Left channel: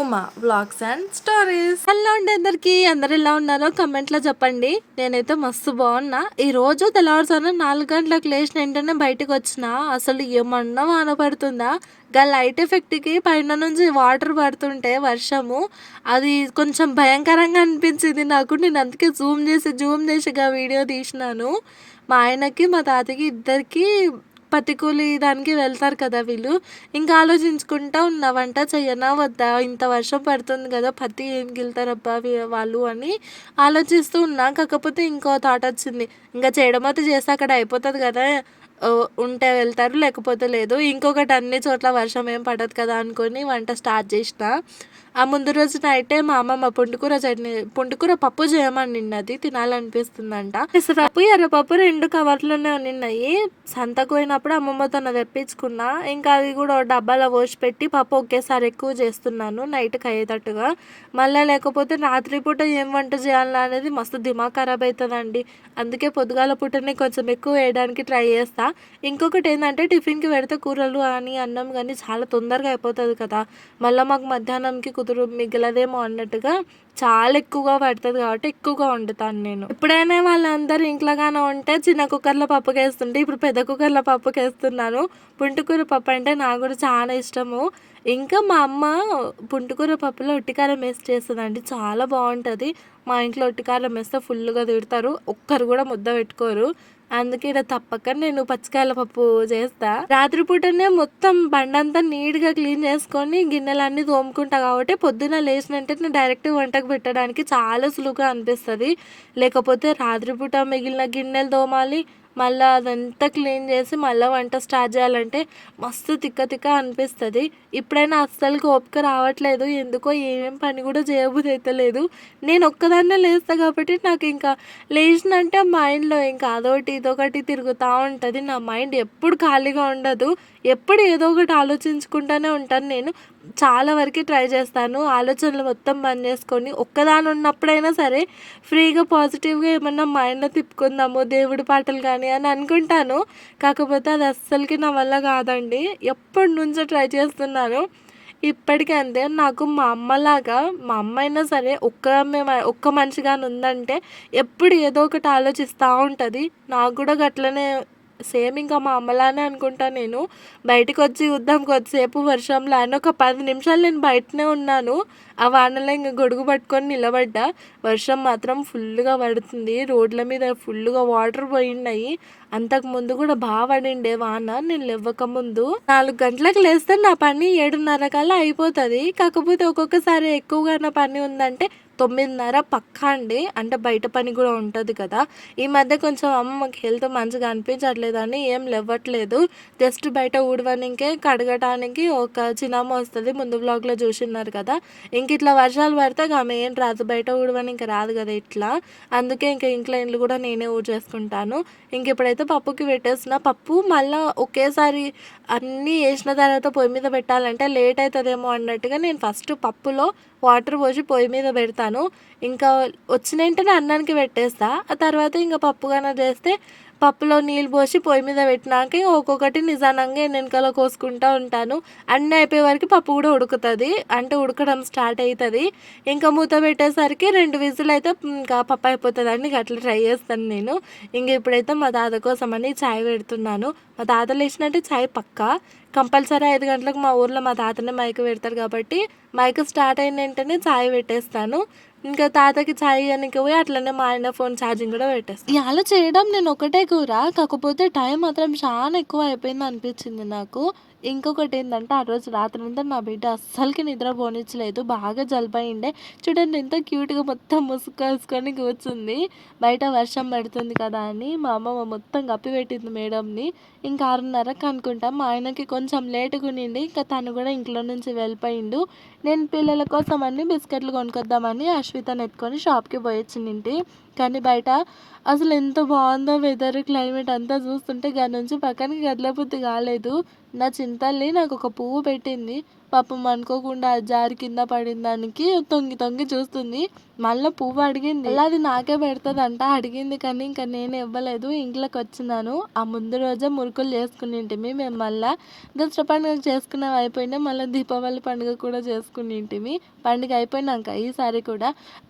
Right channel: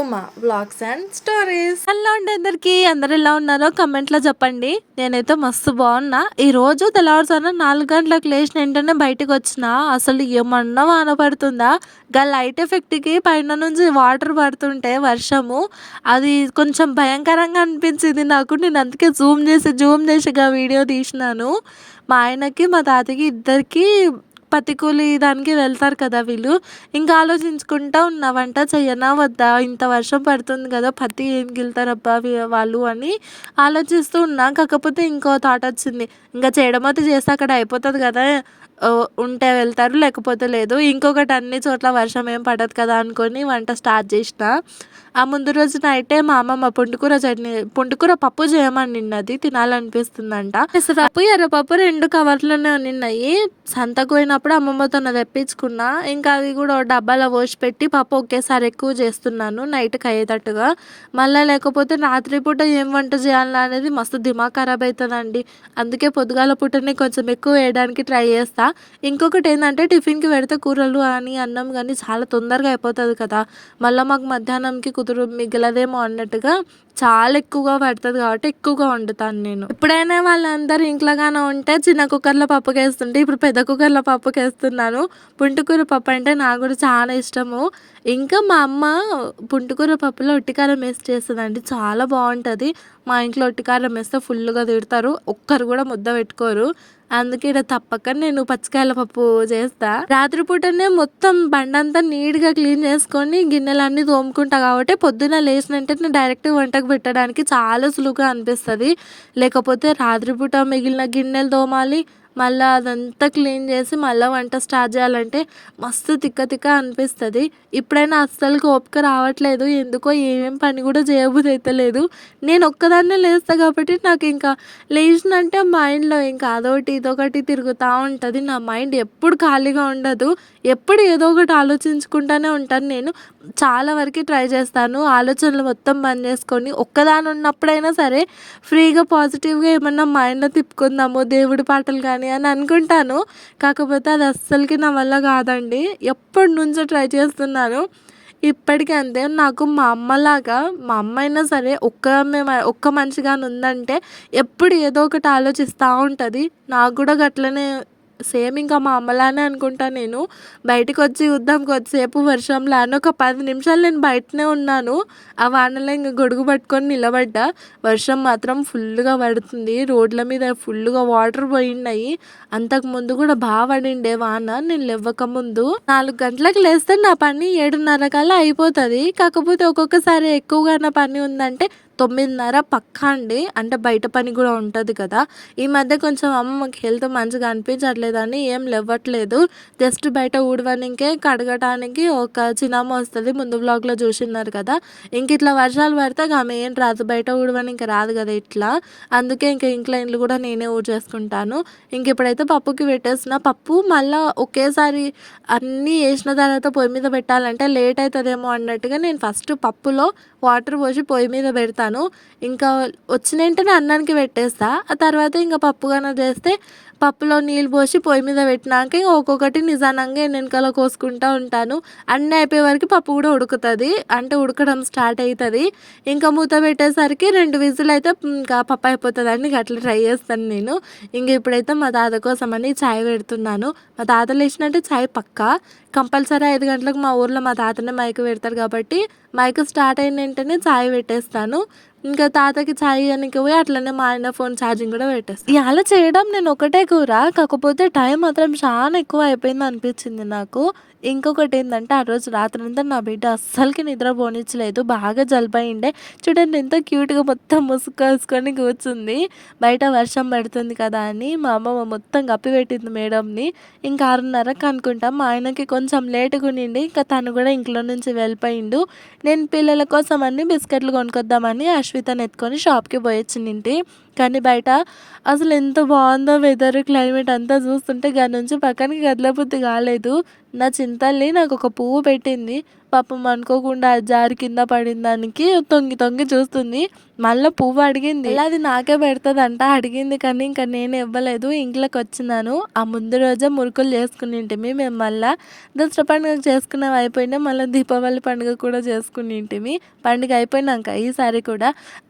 Uma vlogs and stories. Hello అండి, అందరు ఎలా ఉన్నారో కమెంట్లో చెప్పండి. నేనైతే మస్తు బాగున్నా. ఈరోజు తెల్లవారుజామున 4 గంటలకు లేచిన వెంటనే బయటకు వచ్చిన. అసలు ఏమన్నా వాన పడుతుందా? గా లైట్ ఎఫెక్ట్కి పైన నుంచి వాటర్ పడుతుంటే వర్షము, అది కొంచెం భయంకరంగా అనిపించింది నాకు. నేను అందుకే జూమ్ చేసి వీడియో తీసినాను. మా ఆయనకి మా తాతకి ఇద్దరికి పత్తి కూలి దానికి వెళ్తారు కదా వీళ్ళు. ఇంకా ఆలోచించుకుంటా ఉన్నా, వంట చెయ్యనా వద్దా, ఇంత వర్షం పడుతుంది కదా, పత్తి ఏం గిలుతారబ్బా వాళ్ళు అని ఆలోచిస్తూ ఉన్నా. కాకపోతే ఇంకో థాట్ వచ్చింది, ఇంకా చేయడం అయితే చేస్తే అక్కడ అయిపోతుంది కదా, ఉంటే వెళ్తారు లేకపోతే లేదు. ఇంకొకటి, అన్ని చోట్ల వర్షం ఏం పడదు కదా అనుకొని వంట స్టార్ట్ చేసిన. ఆ ముందు రోజు నైటే మా అమ్మమ్మ పుంటుకూర పప్పు చేయమని నిన్నది తినాలనిపిస్తుందంట. పెసరపప్పు ఎర్రపప్పు 2 కవర్లోనే నిన్నాయి. సంతకు పోయినప్పుడు అమ్మమ్మతో తెప్పించుకున్నా. ఇంకా అది కూడా డబ్బాలో పోసి పెట్టి పప్పు ఒకేసారి ఎక్కువ చేస్తున్నాను నైట్కి అయ్యేటట్టుగా. మళ్ళీ లేకపోతే రాత్రిపూట ఏం వంట చేయాలి అనేది మస్తు దిమాగ్ ఖరాబ్ అవుతుందండి. అందుకే పొద్దుగాల పూటనే కొంచెం ఎక్కువ వేయడానికి ట్రై చేస్తా. ఇంకొకటి ఏంటంటే, టిఫిన్కి పెడితే కూరలు అని అన్నం కానీ చాలా తొందరగా అయిపోతుంది కదా, మళ్ళీ మాకు మధ్యాహ్నంకి మిగలదేమో అన్నట్టుగా చాలా ఎక్కువగా పడుతుంది కాబట్టి ఎక్కువగా వండుతాను నేను. ఎప్పుడైనా వాళ్ళందరూ ఇంట్లోగానే ఉంటే చిన్న కుక్కర్లో పప్పుకి వేస్తుంటే, ఇప్పుడు పెద్ద కుక్కర్లో పప్పుకి వేస్తున్నాను. పుంటుకూర పప్పు అంటే నాకు కూడా చాలా ఇష్టము. ఇంకా మా అమ్మ పుంటుకూర పప్పులో ఉట్టికారం వేసి చేస్తుందండి, చాలా బాగుంటుంది. మా ఇంట్లో ఉట్టికారం వేస్తే ఫుల్గా తిడతారు, ఒక్కరు కూడా ముద్ద పెట్టుకోరు. అందుకే ఇక్కడ తప్పక నేను పచ్చికాయల పప్పు చేస్తా. రాత్రిపూటనే మొత్తం బండంతా నీట్గా క్లీన్ చేసుకొని గిన్నెలన్నీ తోముకుంటా కాబట్టి పొద్దున్న లేచినంటే డైరెక్ట్ వంటకు పెట్టడానికి చాలా సులువుగా అనిపిస్తుంది. లేకపోతే రాత్రిపూట మిగిలిన గిన్నెలు తోమాలి, మళ్ళీ అదంతా క్లీన్ చేసి మళ్ళీ వంట స్టార్ట్ చేయాలంటే మస్తు తిక్క అనిపిస్తుంది. ఇప్పుడైనా అస్సలు ఓపిక రావట్లేదు, ఎందుకో ఏమేం పని కూడా చేయబుద్ధి అవుతలేదు. నేను ఒక్కదాన్నే లేస్తా కాబట్టి నాకు ఇంకా లేచినంటే మైండ్లో ఇంకా అదొకటి ఇదొకటి తిరుగుతూ ఉంటుంది. నా మైండ్ ఎప్పుడు ఖాళీగా ఉండదు, ఎప్పుడు ఏదో ఒకటి ఆలోచించుకుంటూనే ఉంటాను. నేను చాలా వరకు ట్రై చేస్తాను ఆలోచనలు మొత్తం బంద్ చేసుకొని, ఒక్కదాని ఉన్నప్పుడైనా సరే ఫ్రీగా పాజిటివ్గా ఏమన్నా మైండ్లో తిప్పుకుందాము, దేవుడి పాటలు కానీ అని అనుకుంటాను. కాకపోతే అది అస్సలకి నా వల్ల కాదండి, ఎప్పటి నుంచో ట్రై చేస్తున్నాను. ఇప్పటికీ అంతే. నాకు మా అమ్మలాగా, మా అమ్మ అయినా సరే ఒక్క మనిషిగాని ఉందంటే ఎప్పుడు ఏదో ఒకటి ఆలోచిస్తూ ఉంటుంది. నాకు కూడా గట్లనే సేమ్ ఇంకా మా అమ్మలానే అనుకుంటా నేను. బయటకు వచ్చి చూద్దాం కొద్దిసేపు వర్షంలో అని ఒక 10 నిమిషాలు నేను బయటనే ఉన్నాను. ఆ వానలో ఇంక గొడుగు పట్టుకొని నిలబడ్డా. వర్షం మాత్రం ఫుల్గా పడుతుంది, రోడ్ల మీద ఫుల్గా వాటర్ పోయినాయి. అంతకుముందు కూడా బాగా పడిండే వాన నేను లేవ్వకముందు. 4 గంటలకు లేస్తే నా పని 7:30 కల్లా అయిపోతుంది. కాకపోతే ఒక్కొక్కసారి ఎక్కువగా నా పని ఉందంటే 9:30 పక్కా అండి. అంటే బయట పని కూడా ఉంటుంది కదా. ఈ మధ్య కొంచెం అమ్మకి హెల్త్ మంచిగా అనిపించట్లేదని ఏం లేవ్వట్లేదు. జస్ట్ బయట ఊడవనికే కడగటానికి ఒక చిన్నమ్మ వస్తుంది, ముందు వ్లాగ్లో చూసినారు కదా. ఇంక ఇట్లా వర్షాలు పడితే ఆమె ఏం రాదు, బయట ఊడవనికి రాదు కదా ఇట్లా. అందుకే ఇంకా ఇంట్లో ఇండ్లు కూడా నేనే ఊడ్చేసుకుంటాను. ఇంక ఇప్పుడైతే పప్పుకి పెట్టేసిన. పప్పు మళ్ళీ ఒకేసారి అన్నీ వేసిన తర్వాత పొయ్యి మీద పెట్టాలంటే లేట్ అవుతుందేమో అన్నట్టుగా నేను ఫస్ట్ పప్పులో వాటర్ పోసి పొయ్యి మీద పెడతాను. ఇంకా వచ్చిన వెంటనే అన్నానికి పెట్టేస్తా. ఆ తర్వాత ఇంకా పప్పు కన్నా చేస్తే పప్పులో నీళ్ళు పోసి పొయ్యి మీద పెట్టినాక ఒక్కొక్కటి నిదానంగా వెనకాల కోసుకుంటూ ఉంటాను. అన్నీ అయిపోయే వరకు పప్పు కూడా ఉడుకుతుంది, అంటే ఉడకడం స్టార్ట్ అవుతుంది. ఇంకా మూత పెట్టేసరికి 2 విజిల్ అయితే ఇంకా పప్పు అయిపోతుంది అండి. అట్లా ట్రై చేస్తాను నేను. ఇంక ఇప్పుడైతే మా తాత కోసం అని ఛాయ్ పెడుతున్నాను. మా తాత లేచినట్టే ఛాయ్ పక్కా కంపల్సరీ 5 గంటలకు మా ఊర్లో మా తాతనే మైక్ పెడతారు కాబట్టి మైక్ స్టార్ట్ అయిన వెంటనే ఛాయ్ పెట్టేస్తాను. ఇంకా తాతకి ఛాయ్ ఇవ్వడానికి పోయి అట్లనే మా ఆయన ఫోన్ ఛార్జింగ్ కూడా పెట్టేస్తాను. ఇలా చేయడం నేను ఒకటే కూర, కాకపోతే టైం మాత్రం చాలా ఎక్కువ అయిపోయింది అనిపించింది నాకు. ఇంకొకటి ఏంటంటే, ఆ రోజు రాత్రంతా నా బిడ్డ అస్సలకి నిద్ర పోనిచ్చలేదు, బాగా జలుబయిండే. చూడండి ఎంత క్యూట్గా మొత్తం ముసుకేసుకొని కూర్చుంది. బయట వర్షం పడుతుంది కదా అని మా అమ్మమ్మ మొత్తం కప్పిపెట్టింది మేడంని. ఇంకా 6:30కి అనుకుంటాం. మా ఆయనకి కొంచెం లేటుగా ఉండింది, ఇంకా తను కూడా ఇంట్లో నుంచి వెళ్ళిపోయిండు. నేను పిల్లల కోసం అన్ని బిస్కెట్లు కొనుక్కొద్దామని అశ్వితని ఎత్తుకొని షాప్కి పోయొచ్చింది. కానీ బయట అసలు ఎంత బాగుందో వెదర్, క్లైమేట్ అంతా చూస్తుంటే దాని నుంచి పక్కనకి కదలబుద్ధి కాలేదు. నా చింతల్ని నాకు ఒక పువ్వు పెట్టింది, పాపం అనుకోకుండా అది జారి కింద పడిన దానికి తొంగి తొంగి చూస్తుంది. మళ్ళీ పువ్వు అడిగింది. మళ్ళీ అది నాకే పెడుతుందంట. అడిగింది కానీ ఇంకా నేను ఇవ్వలేదు. ఇంట్లోకి వచ్చినాను. ఆ ముందు రోజే మురుకులు చేసుకునింటిమి మేము. మళ్ళీ దసరా పండుగ చేసుకునేవి అయిపోయినాయి. మళ్ళీ దీపావళి పండుగ కూడా చేసుకునింటిమి. పండుగ అయిపోయినాక ఈసారి కూడా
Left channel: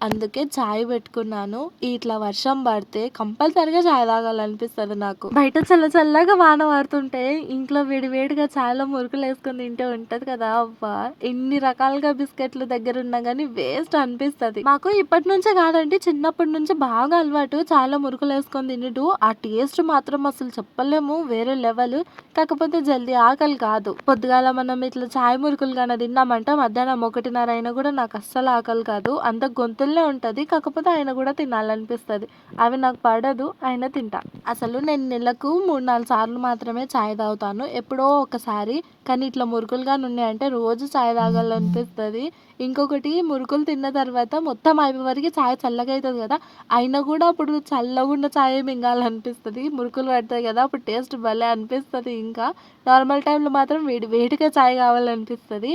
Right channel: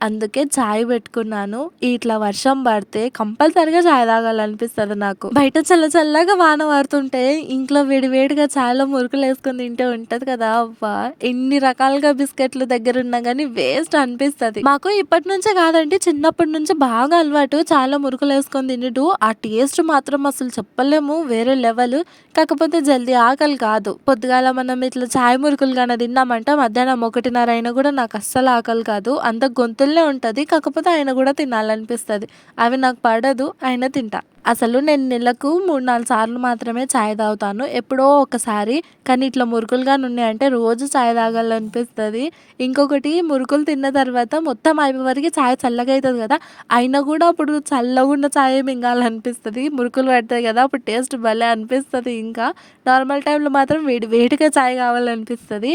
అందుకే చాయ్ పెట్టుకున్నాను. ఇట్లా వర్షం పడితే కంపల్సరిగా చాయ్ తాగాలనిపిస్తుంది నాకు. బయట చల్ల చల్లగా వాన పడుతుంటే ఇంట్లో వేడివేడిగా చాయలో మురుకులు వేసుకొని తింటే ఉంటది కదా. అవ్వా ఎన్ని రకాలుగా బిస్కెట్లు దగ్గర ఉన్నా కానీ వేస్ట్ అనిపిస్తుంది. మాకు ఇప్పటి నుంచే కాదండి, చిన్నప్పటి నుంచి బాగా అలవాటు చాలా మురుకులు వేసుకొని తినడు. ఆ టేస్ట్ మాత్రం అసలు చెప్పలేము, వేరే లెవెల్. కాకపోతే జల్దీ ఆకలి కాదు. పొద్దుగాల మనం ఇట్లా చాయ్ మురుకులు కానీ తిన్నామంటే మధ్యాహ్నం 1:30 అయినా కూడా నాకు అస్సలు ఆకలి కాదు. అంత గొంతుల్నే ఉంటది. కాకపోతే ఆయన కూడా తినాలనిపిస్తుంది. అవి నాకు పడదు, అయినా తింటా. అసలు నేను నెలకు 3-4 సార్లు మాత్రమే చాయ్ తాగుతాను, ఎప్పుడో ఒకసారి. కానీ ఇట్లా మురుకులుగా ఉన్నాయంటే రోజు చాయ్ తాగాలనిపిస్తుంది. ఇంకొకటి, మురుకులు తిన్న తర్వాత మొత్తం అయిపోయే వరకు చాయ్ చల్లగా అవుతుంది కదా, అయినా కూడా అప్పుడు చల్లగా ఉన్న చాయ్ మింగాలనిపిస్తుంది. మురుకులు పడతాయి కదా, అప్పుడు టేస్ట్ భలే అనిపిస్తుంది. ఇంకా నార్మల్ టైంలో మాత్రం వేడిగా చాయ్ కావాలనిపిస్తుంది.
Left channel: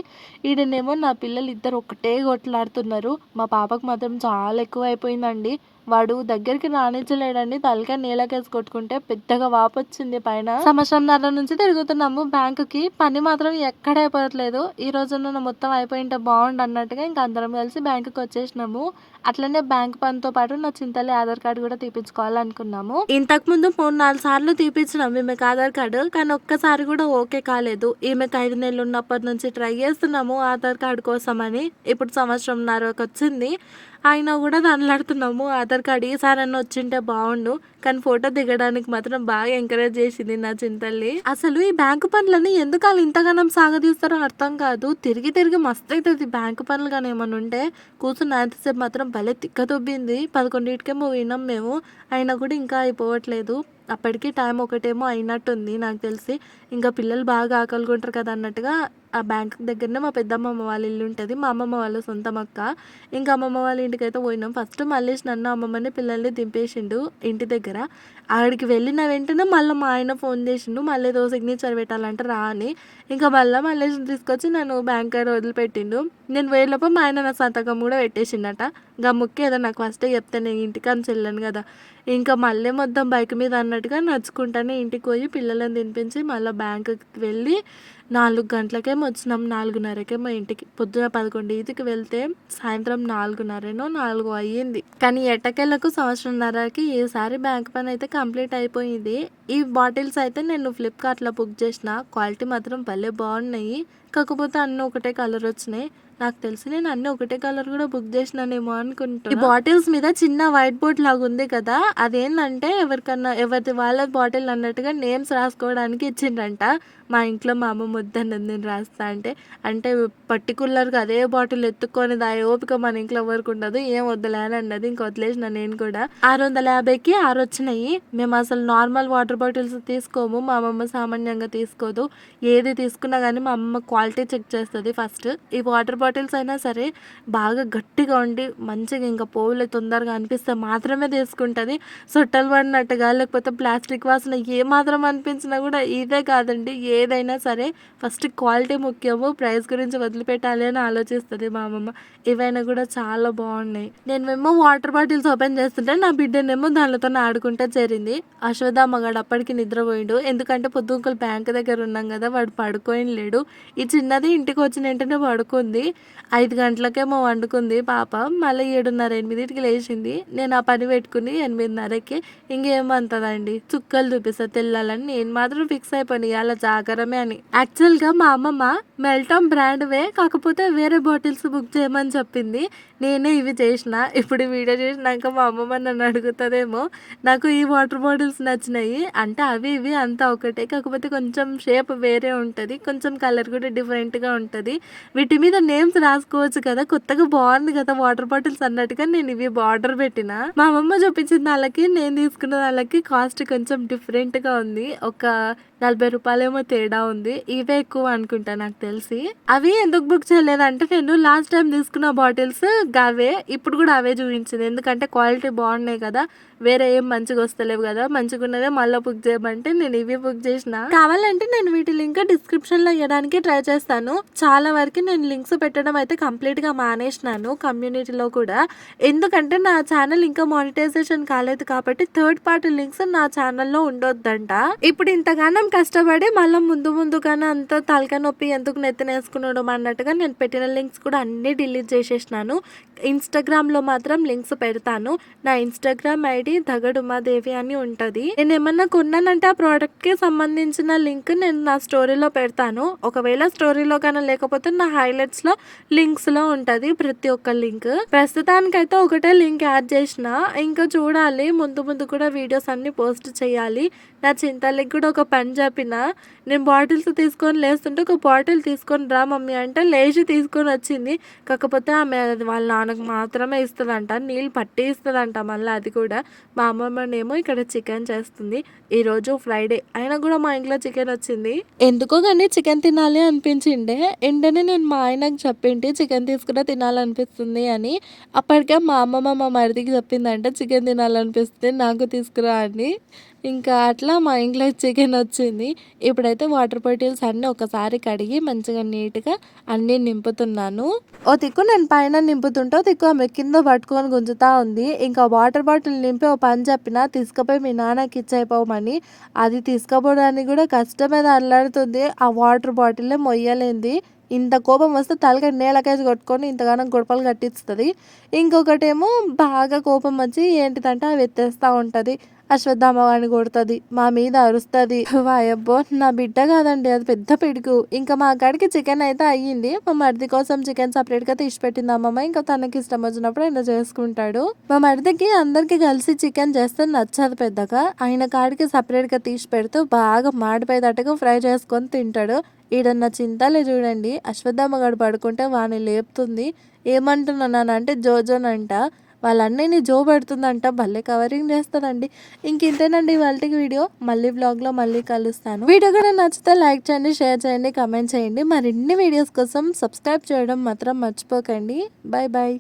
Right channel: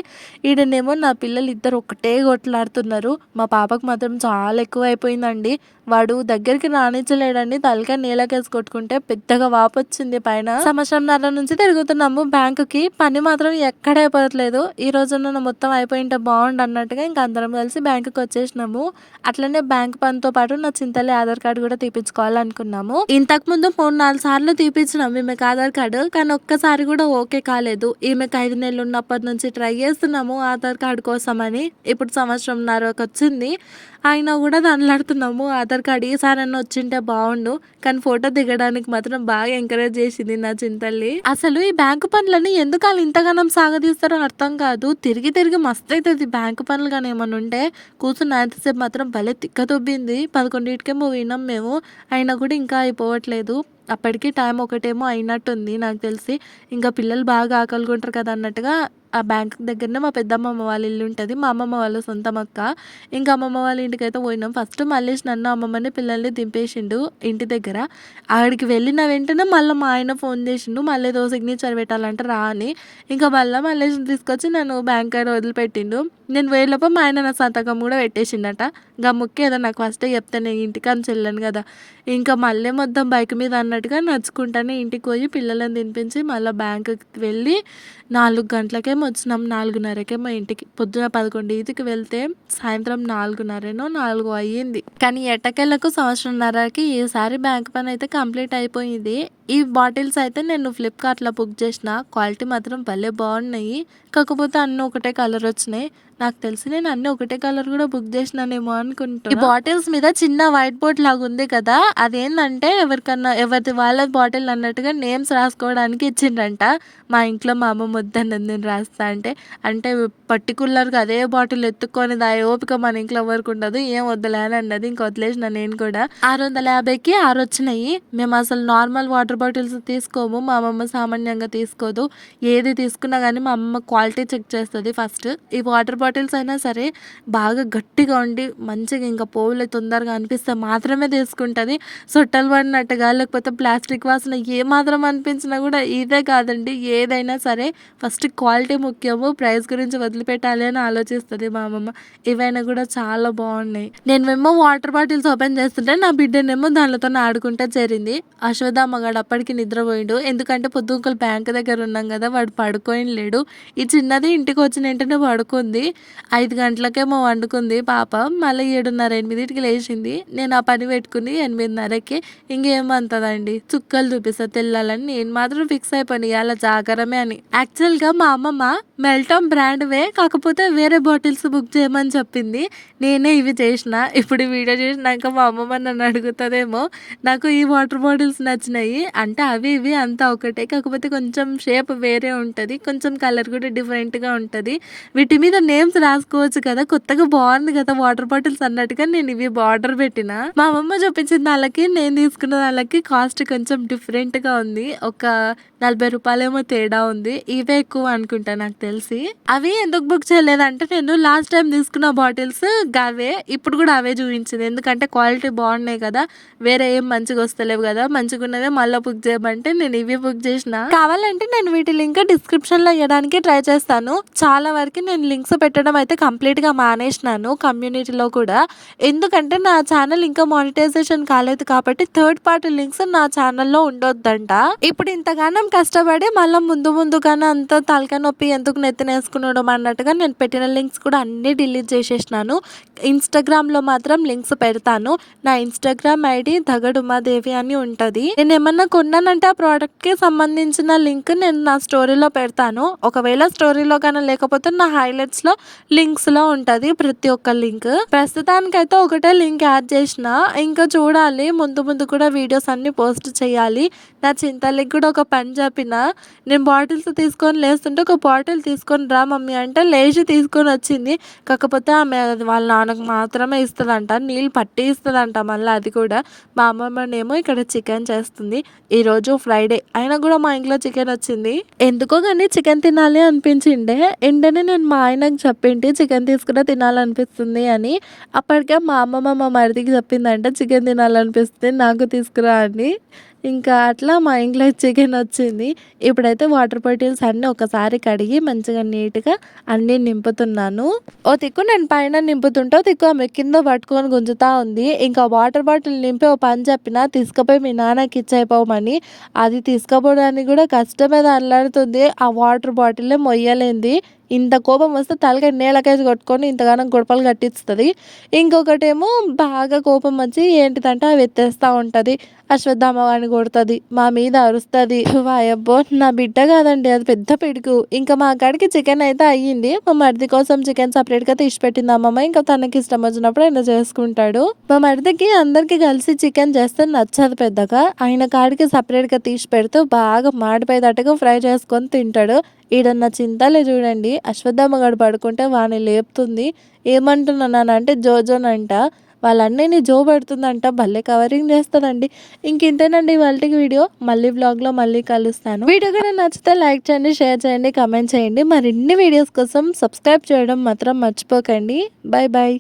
ఈడనేమో నా పిల్లలు ఇద్దరు ఒకటే కొట్లాడుతున్నారు. మా పాపకు మాత్రం చాలా ఎక్కువ అయిపోయిందండి. వాడు దగ్గరికి రానిచ్చలేడండి. తలకాయ నేలకేసి కొట్టుకుంటే పెద్దగా వాపు వచ్చింది పైన. సంవత్సరంన్నర నుంచి తిరుగుతున్నాము బ్యాంకుకి. పని మాత్రం ఎక్కడ అయిపోవట్లేదు. ఈ రోజున మొత్తం అయిపోయింటే బాగుండు అన్నట్టుగా ఇంకా అందరం కలిసి బ్యాంకుకి వచ్చేసినాము. అట్లనే బ్యాంక్ పనితో పాటు నా చింతల్లి ఆధార్ కార్డు కూడా తీపించుకోవాలనుకున్నాము. ఇంతకు ముందు 3-4 సార్లు తీపించినాము ఈమెకు ఆధార్ కార్డు, కానీ ఒక్కసారి కూడా ఓకే కాలేదు. ఈమెకు 5 నెలలు ఉన్నప్పటి నుంచి ట్రై చేస్తున్నాము ఆధార్ కార్డు కోసం అని. ఇప్పుడు సంవత్సరంన్నరకు వచ్చింది, అయినా కూడా దండలాడుతున్నాము. ఆధార్ కార్డు ఈసారి అన్న వచ్చింటే బాగుండు. కానీ ఫోటో దిగడానికి మాత్రం బాగా ఎంకరేజ్ చేసింది నా చింతల్లి. అసలు ఈ బ్యాంకు పనులని ఎందుకు వాళ్ళు ఇంతగానం సాగదీస్తారో అర్థం కాదు. తిరిగి తిరిగి మస్తు అవుతుంది బ్యాంకు పనులు. కానీ ఏమన్నా ఉంటే కూర్చున్న అంతసేపు మాత్రం భలే తిక్క తొబ్బింది. 11:00కేమో పోయినాం మేము, అయినా కూడా ఇంకా అయిపోవట్లేదు. అప్పటికి టైం ఒకటేమో అయినట్టుంది నాకు తెలిసి. ఇంకా పిల్లలు బాగా ఆకలిగొంటారు కదా అన్నట్టుగా ఆ బ్యాంక్ దగ్గరనే మా పెద్దమ్మమ్మ వాళ్ళ ఇల్లు ఉంటుంది. మా అమ్మమ్మ వాళ్ళ సొంతం అక్క. ఇంకా అమ్మమ్మ వాళ్ళ ఇంటికి అయితే పోయినాం. ఫస్ట్ మల్లేష్ నన్ను అమ్మమ్మని పిల్లల్ని దింపేసిండు ఇంటి దగ్గర. ఆడికి వెళ్ళిన వెంటనే మళ్ళీ మా ఆయన ఫోన్ చేసిండు, మళ్ళీ ఏదో సిగ్నేచర్ పెట్టాలంటే రా అని. ఇంకా మళ్ళీ మల్లేష్ని తీసుకొచ్చి నన్ను బ్యాంక్ కాడ వదిలిపెట్టిండు. నేను వేయలోపు మా ఆయన నా సంతకం కూడా పెట్టేసిండట. ఇంకా ముఖ్యం నాకు ఫస్టే చెప్తే నేను ఇంటికి అని చెల్లాను కదా. ఇంకా మళ్ళీ మొత్తం బైక్ మీద అన్నట్టుగా నడుచుకుంటానే ఇంటికి పోయి పిల్లలను తినిపించి మళ్ళీ బ్యాంకుకి వెళ్ళి 4 గంటలకేమో వచ్చినాం. 4:30కేమో ఇంటికి. పొద్దున 11:00కి వెళ్తే సాయంత్రం 4:30 అయ్యింది. కానీ ఎట్టకేలకు సంవత్సరంన్నరకి ఈసారి బ్యాంక్ పని అయితే కంప్లీట్ అయిపోయింది. ఈ బాటిల్స్ అయితే నేను ఫ్లిప్కార్ట్లో బుక్ చేసిన. క్వాలిటీ మాత్రం భలే బాగున్నాయి. కాకపోతే అన్నీ ఒకటే కలర్ వచ్చినాయి. నాకు తెలిసి నేను అన్ని ఒకటే కలర్ కూడా బుక్ చేసినానేమో అనుకుంటా. ఈ బాటిల్స్ మీద చిన్న వైట్ బోర్డ్ లాగా ఉంది కదా, అదేంటంటే ఎవరిది వాళ్ళ బాటిల్ అన్నట్టుగా నేమ్స్ రాసుకోవడానికి ఇచ్చిండ్రంట. మా ఇంట్లో మా అమ్మ వద్దన్నది నేను రాస్తా అంటే పర్టికులర్గా అదే బాటిల్ ఎత్తుకొని దా ఓపిక మన ఇంట్లో ఎవరికి ఉండదు, ఏం వద్దులే అని అన్నది. ఇంక వదిలేసిన నేను కూడా. 650కి 6 వచ్చినాయి. మేము అసలు నార్మల్ వాటర్ బాటిల్స్ తీసుకోము, మా అమ్మమ్మ సామాన్యంగా తీసుకోదు. ఏది తీసుకున్నా కానీ మా అమ్మ క్వాలిటీ చెక్ చేస్తుంది ఫస్ట్. ఈ వాటర్ బాటిల్స్ అయినా సరే బాగా గట్టిగా ఉండి మంచిగా ఇంకా పోవులే తొందరగా అనిపిస్తే మాత్రమే తీసుకుంటుంది. సొట్టలు పడినట్టుగా లేకపోతే ప్లాస్టిక్ వాసన ఏ మాత్రం అనిపించినా కూడా ఇదే కాదండి, ఏదైనా సరే ఫస్ట్ క్వాలిటీ ముఖ్యము, ప్రైస్ గురించి వదిలిపెట్టాలి అని ఆలోచిస్తుంది మా అమ్మమ్మ. ఇవైనా కూడా చాలా బాగున్నాయి. నేనేమో వాటర్ బాటిల్స్ ఓపెన్ చేస్తుంటే నా బిడ్డనేమో దానితో ఆడుకుంటా చేరింది. అశోద మగాడు అప్పటికి నిద్రపోయిండు. ఎందుకంటే పొద్దుకలు బ్యాంక్ దగ్గర ఉన్నాం కదా, వాడు పడుకొని లేడు. ఈ చిన్నది ఇంటికి వచ్చిన వెంటనే పడుకుంది. 5 గంటలకేమో వండుకుంది పాప. మళ్ళీ 7:30-8కి లేచింది. నేను ఆ పని పెట్టుకుని 8:30కి ఇంకేమంతదండి చుక్కలు చూపిస్తా తెల్లాలని నేను మాత్రం ఫిక్స్ అయిపోయి అలా జాగరమే అని. యాక్చువల్గా మా అమ్మమ్మ మెల్టమ్ బ్రాండ్వే, కాకపోతే వేరే బాటిల్స్ బుక్ చేయమని చెప్పింది. నేనే ఇవి చేసిన. ఇప్పుడు వీడియో చేసినాక మా అమ్మమ్మ నన్ను అడుగుతుందేమో. నాకు ఈ వాటర్ బాటిల్స్ నచ్చినాయి అంటే అవి ఇవి అంతా ఒకటే, కాకపోతే కొంచెం షేప్ వేరే ఉంటుంది, కొంచెం కలర్ కూడా డిఫరెంట్గా ఉంటుంది. వీటి మీద నేమ్స్ రాసుకోవచ్చు కదా, కొత్తగా బాగుంది కదా వాటర్ బాటిల్స్ అన్నట్టుగా నేను ఇవి బార్డర్ పెట్టిన. మా అమ్మమ్మ చూపించిన వాళ్ళకి నేను తీసుకున్న వాళ్ళకి కాస్ట్ కొంచెం డిఫరెంట్గా ఉంది. ఒక 40 రూపాయలేమో తేడా ఉంది. ఇవే ఎక్కువ అనుకుంటా నాకు తెలిసి. అవి ఎందుకు బుక్ చేయలేదంటే నేను లాస్ట్ టైం తీసుకున్న బాటిల్స్ అవే, ఇప్పుడు కూడా అవే చూపించింది. ఎందుకంటే క్వాలిటీ బాగున్నాయి కదా, వేరే ఏం మంచిగా వస్తలేవు కదా, మంచిగా ఉన్నదే మళ్ళీ బుక్ చేయమంటే నేను ఇవి బుక్ చేసిన. కావాలంటే నేను వీటి లింక్ డిస్క్రిప్షన్లో ఇవ్వడానికి ట్రై చేస్తాను. చాలా వరకు నేను లింక్స్ పెట్టడం అయితే కంప్లీట్‌గా మానేసినాను కమ్యూనిటీలో కూడా. ఎందుకంటే నా ఛానల్ ఇంకా మానిటైజేషన్ కాలేదు కాబట్టి థర్డ్ పార్టీ లింక్స్ నా ఛానల్‌లో ఉండొద్దంట. ఇప్పుడు ఇంతగానం కష్టపడి మళ్ళా ముందుగానే అంత తలకాయ నొప్పి ఎందుకు నెత్తినేసుకునడం అన్నట్టుగా నేను పెట్టిన లింక్స్ కూడా అన్నీ డిలీట్ చేసేసినాను. ఇన్‌స్టాగ్రామ్‌లో మాత్రం లింక్స్ పెడతాను. నా ఇన్‌స్టాగ్రామ్ ఐడీ దగడు ఉమాదేవి అని ఉంటది. నేనేమన్నా కొన్నానంటే ఆ ప్రోడక్ట్‌కి సంబంధించిన లింక్ నేను నా స్టోరీలో పెడతాను. ఒకవేళ స్టోరీలో గాని లేకపోతే నా హైలైట్స్‌లో లింక్స్‌లో ఉంటది ప్రతి ఒక్క లింక్. ప్రస్తుతానికైతే ఒకటే లింక్ యాడ్ చేసిన. ఇంకా చూడాలి ముందు కూడా వీడియోస్ అన్నీ పోస్ట్ చేయాలి. నా చింతలకి కూడా ఒక పని చెప్పిన. నేను బాటిల్స్ తీసుకొని లేస్తుంటే ఒక బాటిల్ తీసుకొని రా మమ్మీ అంటే లేచి తీసుకొని వచ్చింది. కాకపోతే ఆమె వాళ్ళ నాన్నకు మాత్రమే ఇస్తదంట. నీళ్ళు పట్టి ఇస్తదంట మళ్ళీ అది కూడా. మా అమ్మమ్మనేమో ఇక్కడ చికెన్ చేస్తుంది. ఈరోజు ఫ్రైడే అయినా కూడా మా ఇంట్లో చికెన్ వచ్చింది. ఎందుకో కానీ చికెన్ తినాలి అనిపించిండే. వెంటనే నేను మా ఆయనకు చెప్పింటి చికెన్ తీసుకురా తినాలనిపిస్తుంది అని. అప్పటికే మా అమ్మమ్మ మా మరిదికి చెప్పిందంట చికెన్ తినాలనిపిస్తుంది నాకు తీసుకురా అని. ఇంకా అట్లా మా ఇంట్లో చికెన్ వచ్చింది. ఇప్పుడైతే వాటర్ బాటిల్స్ అన్నీ ఒకసారి కడిగి మంచిగా నీట్‌గా అన్నీ నింపుతున్నాను. ఓ దిక్కు నేను పైన నింపుతుంటే, ఓ దిక్కు ఆమె కింద పట్టుకొని గుంజుతా ఉంది. ఇంకా వాటర్ బాటిల్ నింపి ఓ పని చెప్పిన తీసుకుపోయి మీ నాన్నకి ఇచ్చేయపోమని. అది తీసుకుపోవడానికి కూడా కష్టమే అల్లాడుతుంది. ఆ వాటర్ బాటిలే మొయ్యలేంది. ఇంత కోపం వస్తే తలకాయ నేలకేసి కొట్టుకొని ఇంతగానం గొడపలు కట్టిస్తది. ఇంకొకటేమో బాగా కోపం వచ్చి ఏంటిదంటే అవి ఎత్తేస్తా ఉంటది. అశ్వత్థామ వాడిని కొడుతది. మా మీద అరుస్తది. వాయబ్బో! నా బిడ్డ కాదండి అది పెద్ద పిడుగు. ఇంకా మా కాడికి చికెన్ అయితే అయ్యింది. మా మరిది కోసం చికెన్ సెపరేట్‌గా తీసి పెట్టింది అమ్మమ్మ. ఇంకా తనకి ఇష్టం వచ్చినప్పుడు ఆయన చేసుకుంటాడు. మా మరిదికి అందరికి కలిసి చికెన్ చేస్తే నచ్చదు పెద్దగా. ఆయన కాడికి సెపరేట్‌గా తీసి పెడుతూ బాగా మాడిపోయేటట్టుగా ఫ్రై చేసుకొని తింటాడు. ఈడున్న చింతలే చూడండి అశ్వత్థామ గాడు పడుకుంటే వాడిని లేపుతుంది. ఏమంటున్నానంటే జోజోనంట. వాళ్ళ అన్నయ్యని జో పెడుతుందంట. భలే కవరింగ్ చేస్తాడండి. ఇంకింతేనండి ఇవాల్టికి వీడియో. మళ్ళీ వ్లాగ్‌లో మళ్ళీ కలుస్తాను. వీడియో కనుక నచ్చితే లైక్ చేయండి, షేర్ చేయండి, కామెంట్ చేయండి. మరిన్ని వీడియోస్ కోసం సబ్స్క్రైబ్ చేయడం మాత్రం మర్చిపోకండి. Bye bye.